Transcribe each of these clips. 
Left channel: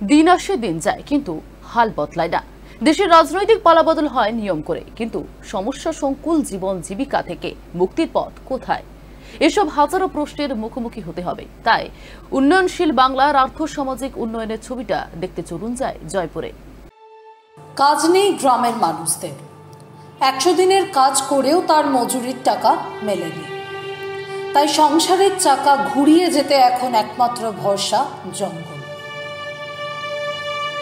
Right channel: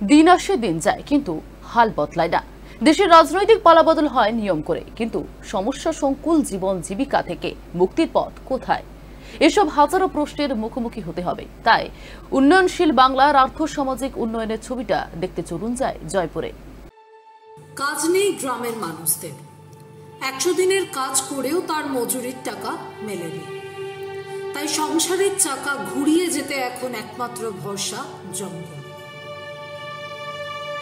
দিন আসে দিন যায়, কিন্তু হাল বদলায় না। দেশের রাজনৈতিক পালাবদল হয় নিয়ম করে, কিন্তু সমস্যা সংকুল জীবন জীবিকা থেকে মুক্তির পথ কোথায়? এসব হাজারো প্রশ্নের মুখোমুখি হতে হবে। তাই উন্নয়নশীল বাংলার আর্থসামাজিক উন্নয়নের ছবিটা দেখতে চলুন যায় জয়পুরে। কাজ নেই গ্রামের মানুষদের, 100 দিনের কাজ করেও তার মজুরির টাকা মেলেনি। তাই সংসারের চাকা ঘুরিয়ে যেতে এখন একমাত্র ভরসা জঙ্গল।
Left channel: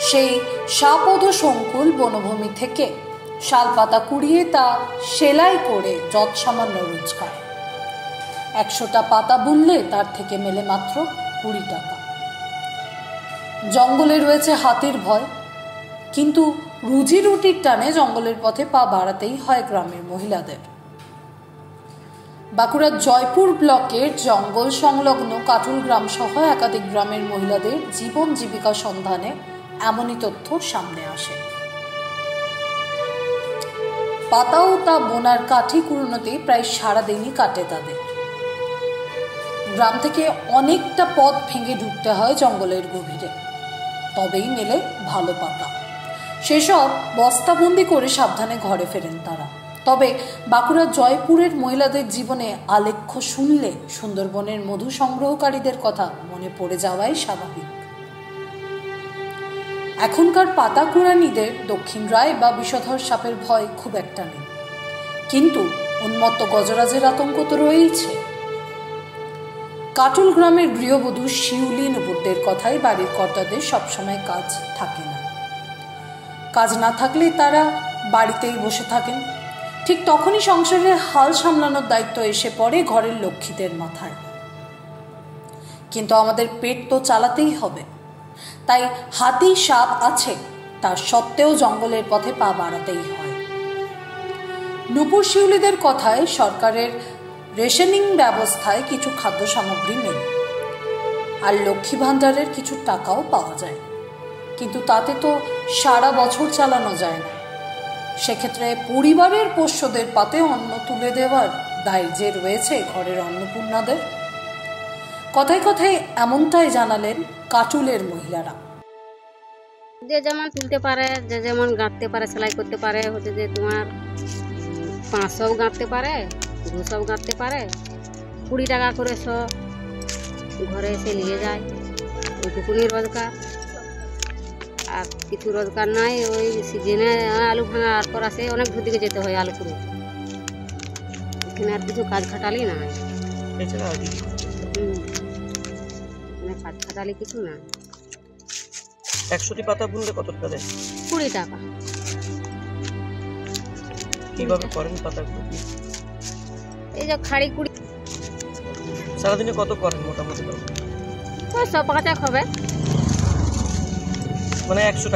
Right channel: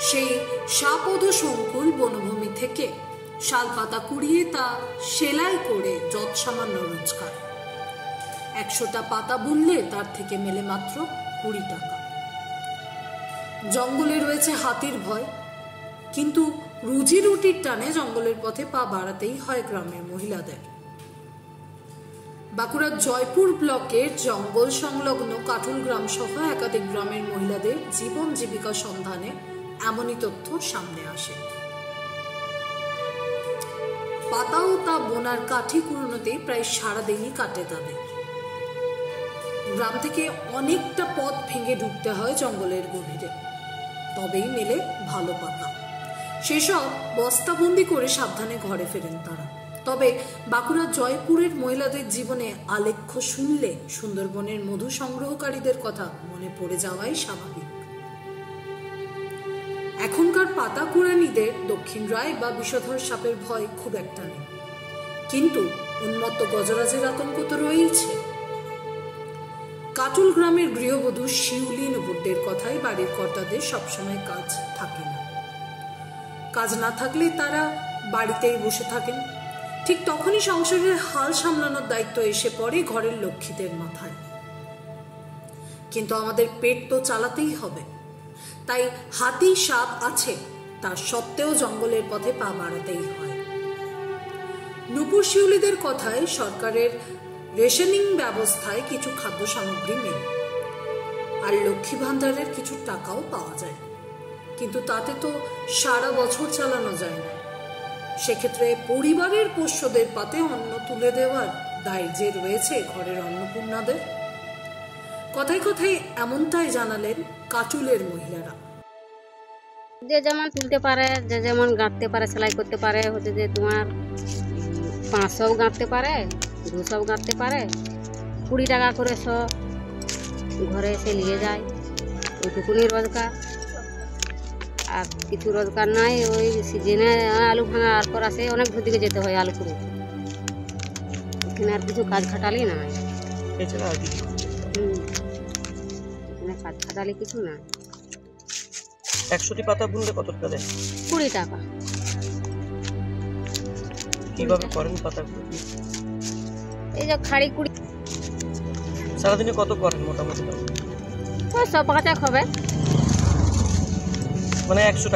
সেই শাপদ সংকুল বনভূমি থেকে শালপাতা কুড়িয়ে তা সেলাই করে যৎসামান্য রোজগার। 100টা পাতা বুনলে তার থেকে মেলে মাত্র 20 টাকা। জঙ্গলে রয়েছে হাতির ভয়, কিন্তু রুজি রুটির টানে জঙ্গলের পথে পা বাড়াতেই হয় গ্রামের মহিলাদের। বাঁকুড়ার জয়পুর ব্লকের জঙ্গল সংলগ্ন কাটুল গ্রাম সহ একাধিক গ্রামের মহিলাদের জীবন জীবিকা সন্ধানে এমনই তথ্য সামনে আসে। পাতা ও তা বোনার কাঠি কুড়োনোতে প্রায় সারাদিনই কাটে তাদের। গ্রাম থেকে অনেকটা পথ ভেঙে ঢুকতে হয় জঙ্গলের গভীরে, তবেই মেলে ভালো পাতা। সেসব বস্তাবন্দি করে সাবধানে ঘরে ফেরেন তারা। তবে বাঁকুড়ার জয়পুরের মহিলাদের জীবনে আলেখ্য শুনলে সুন্দরবনের মধু সংগ্রহকারীদের কথা মনে পড়ে যাওয়াই স্বাভাবিক। এখনকার পাতা কুড়ানিদের দক্ষিণ রায় বা বিষধর সাপের ভয় খুব একটা নেই, কিন্তু উন্মত্ত গজরাজের আতঙ্ক তো রয়েছে। কাটুল গ্রামের গৃহবধূ শিউলি নুপুরদের কথাই বাড়ির কর্তাদের সবসময় কাজ থাকে না। কাজ না থাকলে তারা বাড়িতেই বসে থাকেন। ঠিক তখনই সংসারের হাল সামলানোর দায়িত্ব এসে পড়ে ঘরের লক্ষ্মীদের মাথায়। কিন্তু আমাদের পেট তো চালাতেই হবে, তাই হাতি সাপ আছে তার সত্ত্বেও জঙ্গলের পথে পা বাড়াতেই হয়। নুপুর শিউলিদের কথায় সরকারের রেশনিং ব্যবস্থায় কিছু খাদ্য সামগ্রী মেলে, আর লক্ষ্মী ভাণ্ডারের কিছু টাকাও পাওয়া যায়, কিন্তু তাতে তো সারা বছর চালানো যায় না। সেক্ষেত্রে পরিবারের পোষ্যদের পাতে অন্ন তুলে দেওয়ার দায় যে রয়েছে ঘরের অন্নপূর্ণাদের। কথায় কথায় এমনটাই জানালেন কাটুলের মহিলারা। যে যেমন তুলতে পারে, যে যেমন গাঁথতে পারে, সেলাই করতে পারে, হচ্ছে যে তোমার 500 গাঁথতে পারে, 200 গাঁথতে পারে, 20 টাকা করে সব ঘরে এসে নিয়ে যায়। ওইটুকুনি রোজগার, আর কিছু রোজগার নাই। ওই সিজনে আলু ভাঙা আর পর আসে অনেক দূর দিকে যেতে হয় আলু কুড়ো, এখানে আর কিছু কাজ খাটালি না। এখানে কাজ খাটালি কিছু না। 100টি পাতা বুনলে কত টাকা দেয়? 20 টাকা। কিভাবে করেন পাতাগুলো? এই যে খাড়ি কুড়ি। সারাদিনে কত করেন মোটামুটি? ওই 100 টাকা হবে, মানে 100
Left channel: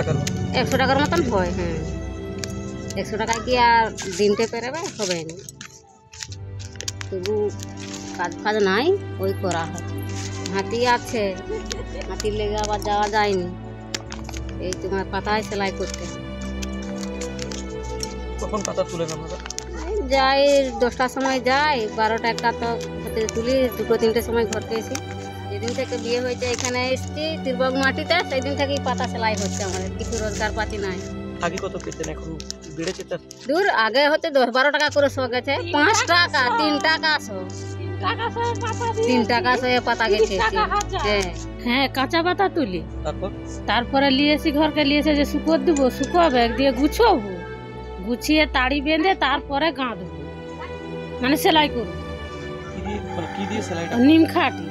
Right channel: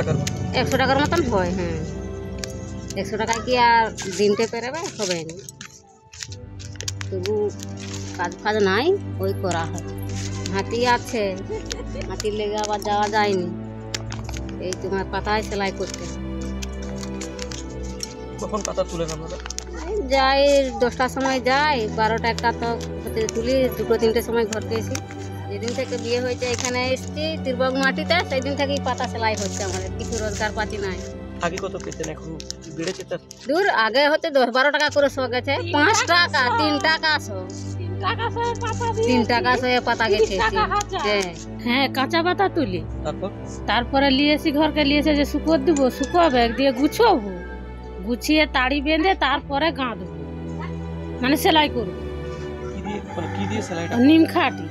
টাকার মতন হয়। হ্যাঁ, 100 টাকায় কি আর দিনতে পেরেবে? হবে না। তবু কাজ নাই, ওই করা হয়। হাতি আছে, হাতির লেগে আবার যাওয়া যায়নি। এই তোমার পাতায় সেলাই করতে। কখন পাতা তুলেন আপনারা? যাই 10টার সময় যাই, 12টা 1টা তো তুলি, 2টো 3টের সময় ঘরকে এসি। যেদিন থেকে বিয়ে হয়েছে এখানে এসছি তিরবক মাটিতে, সেই দিন থেকেই পাতা সেলাই হচ্ছে। আমাদের কিছু রোজগার পাতি নাই। আগে কত পেতেন, এখন বেড়েছে? তার দূর আগে হচ্ছে 10-12 টাকা করে শো গেছে, 5 টাকা 3 টাকা শো, 3 টাকা শো পাতা গেছে। হ্যাঁ, কাঁচা পাতা তুলি, তারপরে লিয়েছি ঘরকে, লিয়েছে যে শুকো দিব, শুকোবে দিয়ে গুছবো, গুছিয়ে তাড়ি বেঁধে তারপরে গাঁথবো, মানে সেলাই করবো। নিম খাটি।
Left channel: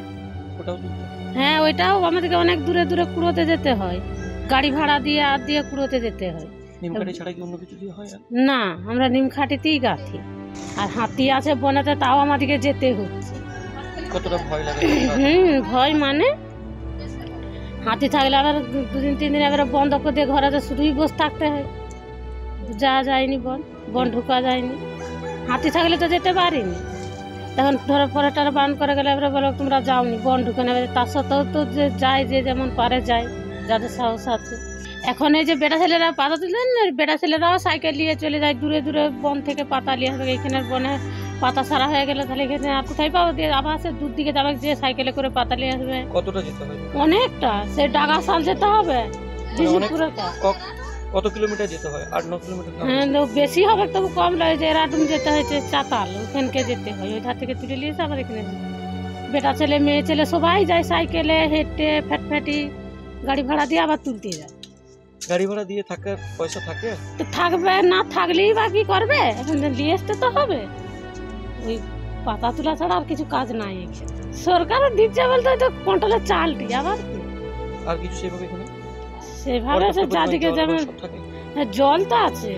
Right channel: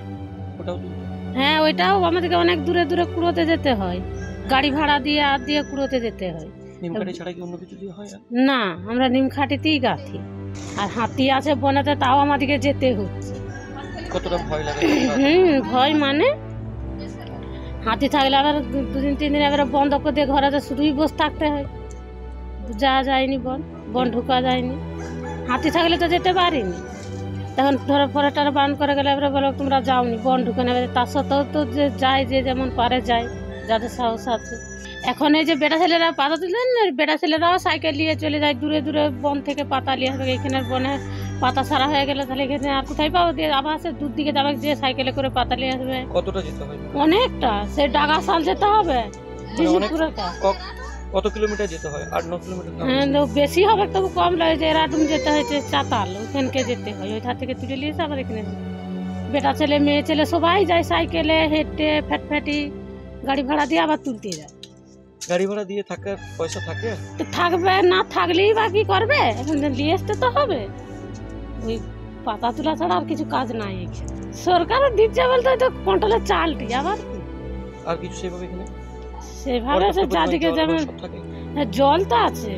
হ্যাঁ, ওইটাও আমাদেরকে অনেক দূরে দূরে কুড়োতে যেতে হয়, গাড়ি ভাড়া দিয়ে আর দিয়ে কুড়োতে যেতে হয়। না, আমরা নিম খাটিতেই গাঁথি। আর হাতি আছে বনেতে, তাও আমাদেরকে যেতে হচ্ছে। কতটা ভয় লাগে? ভয় মানে হাতি থাকলে আবার 2-3 দিন এবারে বন্ধ করে দিয়ে ঘরে শুধুই বসে থাকতে হয়। যাওয়া যায়নি, বন ঢুকা যায়নি। হাতি থাকলে তো যেতে পারিনি। তখন ধরো পরেটার বান করে গেলে এবারে বলো তোমরা যাওনি, বন ঢুকে নেবে। তার সত্ত্বেও তো যে যায়, যে যেমন পারে যায়, যাদের সাহস আছে। এখন এই যে বেটা ছেলেরা পাতা তুলেন, বেটা ছেলেরাও সাইকেল নিয়ে চলে যায় দূরে দূরে, বন থেকে পাতা নিয়ে আসবে। এখানের বনে পাতা সারা হয়ে গেলে তাহলে এখানে আর কোথায় পাবো, দিয়ে আবার সে দূর দিকে যাবে, যে সাইকেলে করে পাতা নিয়ে আসবে। কতটা যেতে হয়? অনেকটা, সে ডাগাশাল যেতে হবে। কত কিলোমিটার যেতে হয়? 8-9 কিলোমিটার? হ্যাঁ, বেশি হবে, তবু কম লাগে। যে এরাডুম যেতে হয়েছে চাতাল, ওখানকে যেতে হয়, ওই ধার থেকে তুলে নিয়ে এসে আবার এখানে। বেটা ছেলে মেয়ে ছেলে সবাই যায় সাইকেলে, হেঁটে ফ্যাটফ্যাটি গাড়ি ভাড়া দিয়ে আবার তুলতে যায়। গাড়ি ভাড়া দিয়ে থাকার পয়সা থাকে? তো থাকবে, না থাকলেই বা কি করবে, এখন নিয়ে আসতে তো হবে। ওই পাতা তোলা ছাড়া আর কিছু কাজ নাই এখানে। সরকারও দিচ্ছে বলতে তো কন্ট্রোলের চালটি, আবার কি আর কিছু সেভাবে এখানে সেভাবে চারদিকে যেমন জল তো আছে,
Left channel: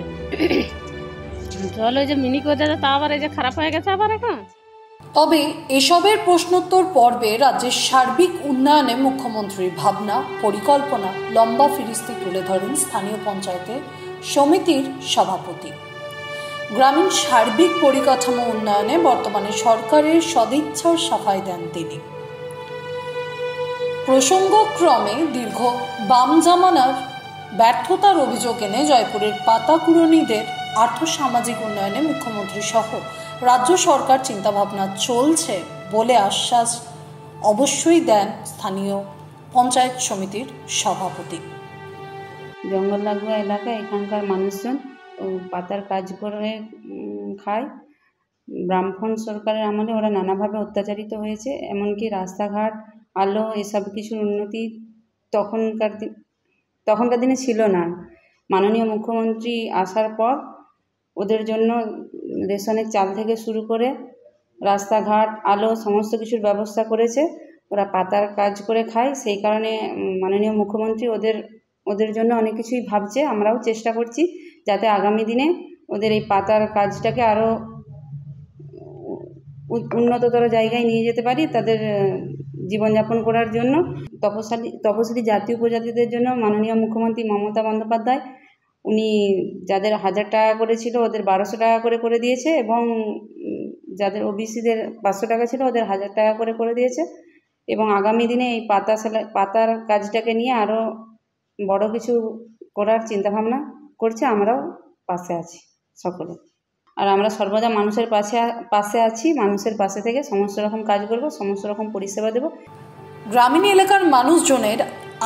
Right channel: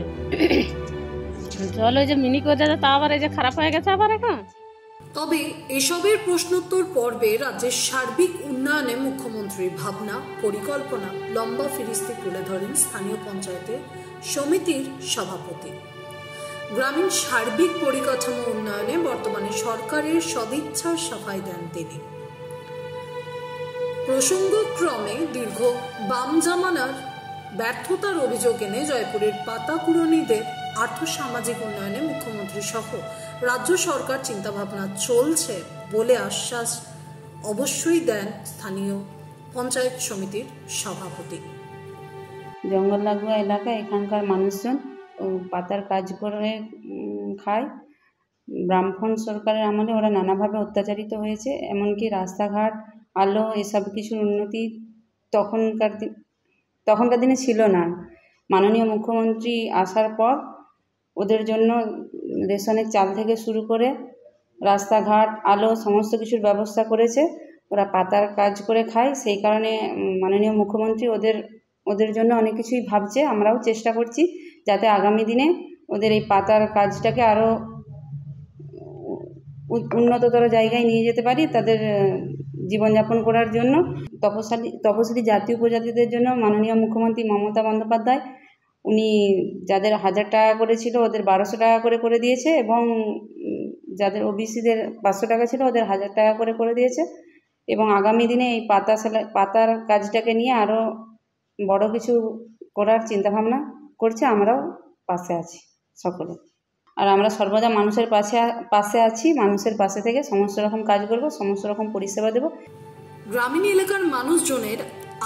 জল ওই যে মিনি করে দেয়, তা আবার এই যে খারাপ হয়ে গেছে আবার এখন। তবে এসবের প্রশ্নোত্তর পর্বে রাজ্যের সার্বিক উন্নয়নে মুখ্যমন্ত্রীর ভাবনা পরিকল্পনা লম্বা ফিরিস্তি তুলে ধরেন স্থানীয় পঞ্চায়েতের সমিতির সভাপতি। গ্রামীণ সার্বিক পরিকাঠামো উন্নয়নে বর্তমানে সরকারের সদিচ্ছার সাফাই দেন তিনি। প্রসঙ্গক্রমে দীর্ঘ বাম জামানার ব্যর্থতার অভিযোগ এনে জয়পুরের পাতাকুড়নীদের আর্থসামাজিক উন্নয়নে মুখ্যমন্ত্রী সহ রাজ্য সরকার চিন্তাভাবনা চলছে বলে আশ্বাস অবশ্যই দেন স্থানীয় পঞ্চায়েত সমিতির সভাপতি। জঙ্গল লাগোয়া এলাকা, এখানকার মানুষজন পাতার কাজ করে খায়। বামফ্রন্ট সরকারের আমলে ওরা নানাভাবে অত্যাচারিত হয়েছে, এমনকি রাস্তাঘাট, আলো এসব কিছুর উন্নতি তখনকার দিনে ছিল না। মাননীয় মুখ্যমন্ত্রী আসার পর ওদের জন্য রেশনের চাল থেকে শুরু করে রাস্তাঘাট, আলো সমস্ত কিছুর ব্যবস্থা করেছে। ওরা পাতার কাজ করে খায়, সেই কারণে মাননীয় মুখ্যমন্ত্রী ওদের জন্য অনেক কিছুই ভাবছে। আমরাও চেষ্টা করছি যাতে আগামী দিনে ওদের এই পাতার কাজটাকে আরও উন্নততর জায়গায় নিয়ে যেতে পারি তাদের জীবনযাপন করার জন্য। তপশিলি জাতি উপজাতিদের জন্য মাননীয় মুখ্যমন্ত্রী মমতা বন্দ্যোপাধ্যায় উনি যাদের 1000 টাকা করে ছিল ওদের 1200 টাকা করে দিয়েছে, এবং যাদের ওবিসিদের 500 টাকা ছিল ওদের 1000 টাকা করে দিয়েছে। এবং আগামী দিনে এই পাতার কাজটাকে নিয়ে আরও বড় কিছু করার চিন্তাভাবনা করছে। আমরাও পাশে আছি সকলে, আর আমরা সর্বদা মানুষের পাশে আছি। মানুষের পাশে থেকে সমস্ত রকম কাজ করব, সমস্ত রকম পরিষেবা দেব। গ্রামীণ এলাকার মানুষজনের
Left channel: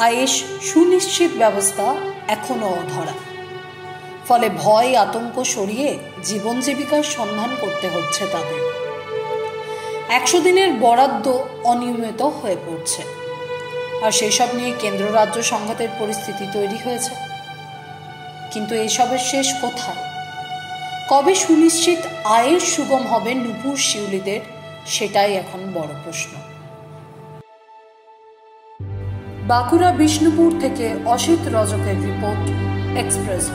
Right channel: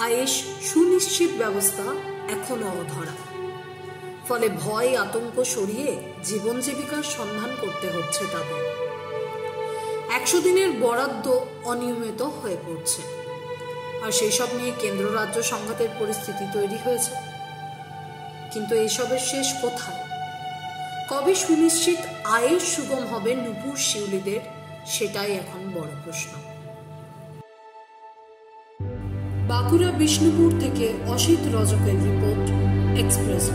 আয়েস সুনিশ্চিত ব্যবস্থা এখনও অধরা, ফলে ভয় আতঙ্ক সরিয়ে জীবন জীবিকার সন্ধান করতে হচ্ছে তাদের। 100 দিনের বরাদ্দ অনিয়মিত হয়ে পড়ছে, আর সেসব নিয়ে কেন্দ্র রাজ্য সংঘাতের পরিস্থিতি তৈরি হয়েছে। কিন্তু এসবের শেষ কোথায়? কবে সুনিশ্চিত আয়ের সুগম হবে নুপুর শিউলিদের, সেটাই এখন বড় প্রশ্ন। বাঁকুড়া বিষ্ণুপুর থেকে অসিত রজকের রিপোর্ট, এক্সপ্রেস।